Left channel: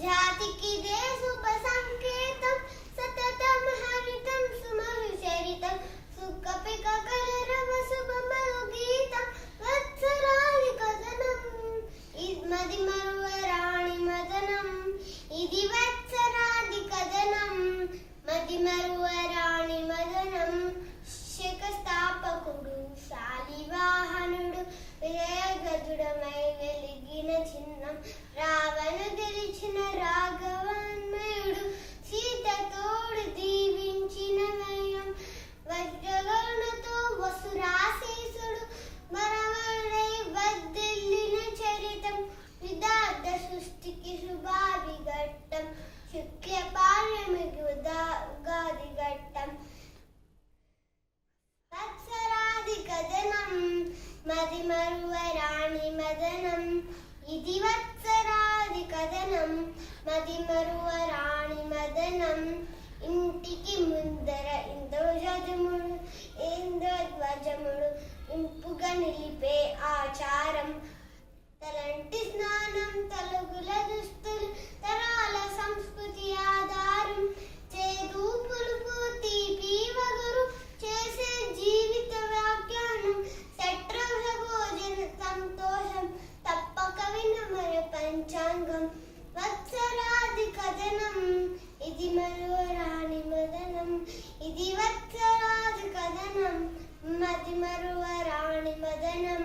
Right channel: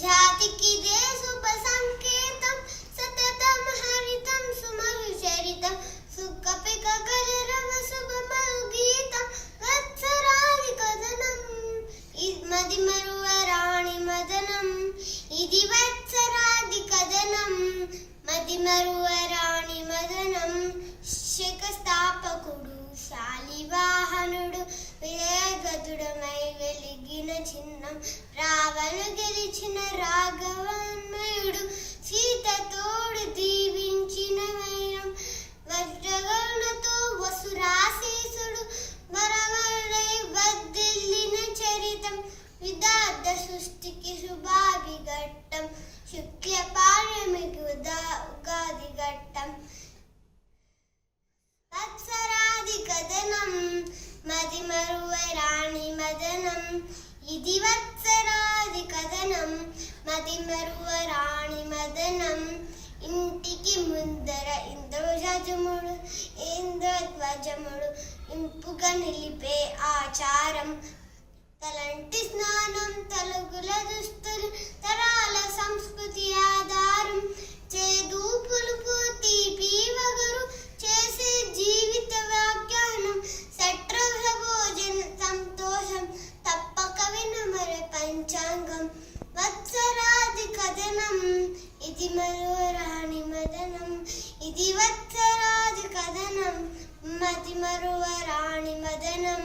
జాతికిదే శుభ సంకేతం సతతం హరితం సుమధుచరితం సుఖపిక కలరవ శుభమరు గీతం వత్సరాది కథనం మది మరువరాణి మదనం ఇది వత్సరాది కథనం మది మరువరాణి మదనం శకస్థాపకుడు శాలివాహనుడు విజయగదుడమై వెలిగిన చిహ్నం రావణ గెలిచిన రాఘవాన్మయుడు సీతతోడు దీవించిన వైరం వజ్రగణతో వసురాశీసుడు మరమరై వర్ధిల్లిన చరితం విదార్థ సృష్టికి శుభాభిఘట్టం శుక్ల పార్యమికి ఉగాది ఘట్టం వత్సరాది కథనం మది మరువరాణి మదనం ఇది వత్సరాది కథనం మది మరువరాణి మదనం ఇంటికి ముందర ఇంద్రధ్వజముడు ఇంపుగా నిలిపే ఆచారం తలంటి స్నానం తలుగుల దుస్తులు తరాల సంస్కృతి ఆధారం చేదు పులుపు తీపి వగరు చేసే జీవిత వ్యాఖ్యానం సట్రభ భోజన సంతోషం తప్పక వినమర పంచాంగం వత్సరాది కథనం ఇది మరువరాణి మదనం ఇది వత్సరాది కథనం మది మరువరాణి మదనం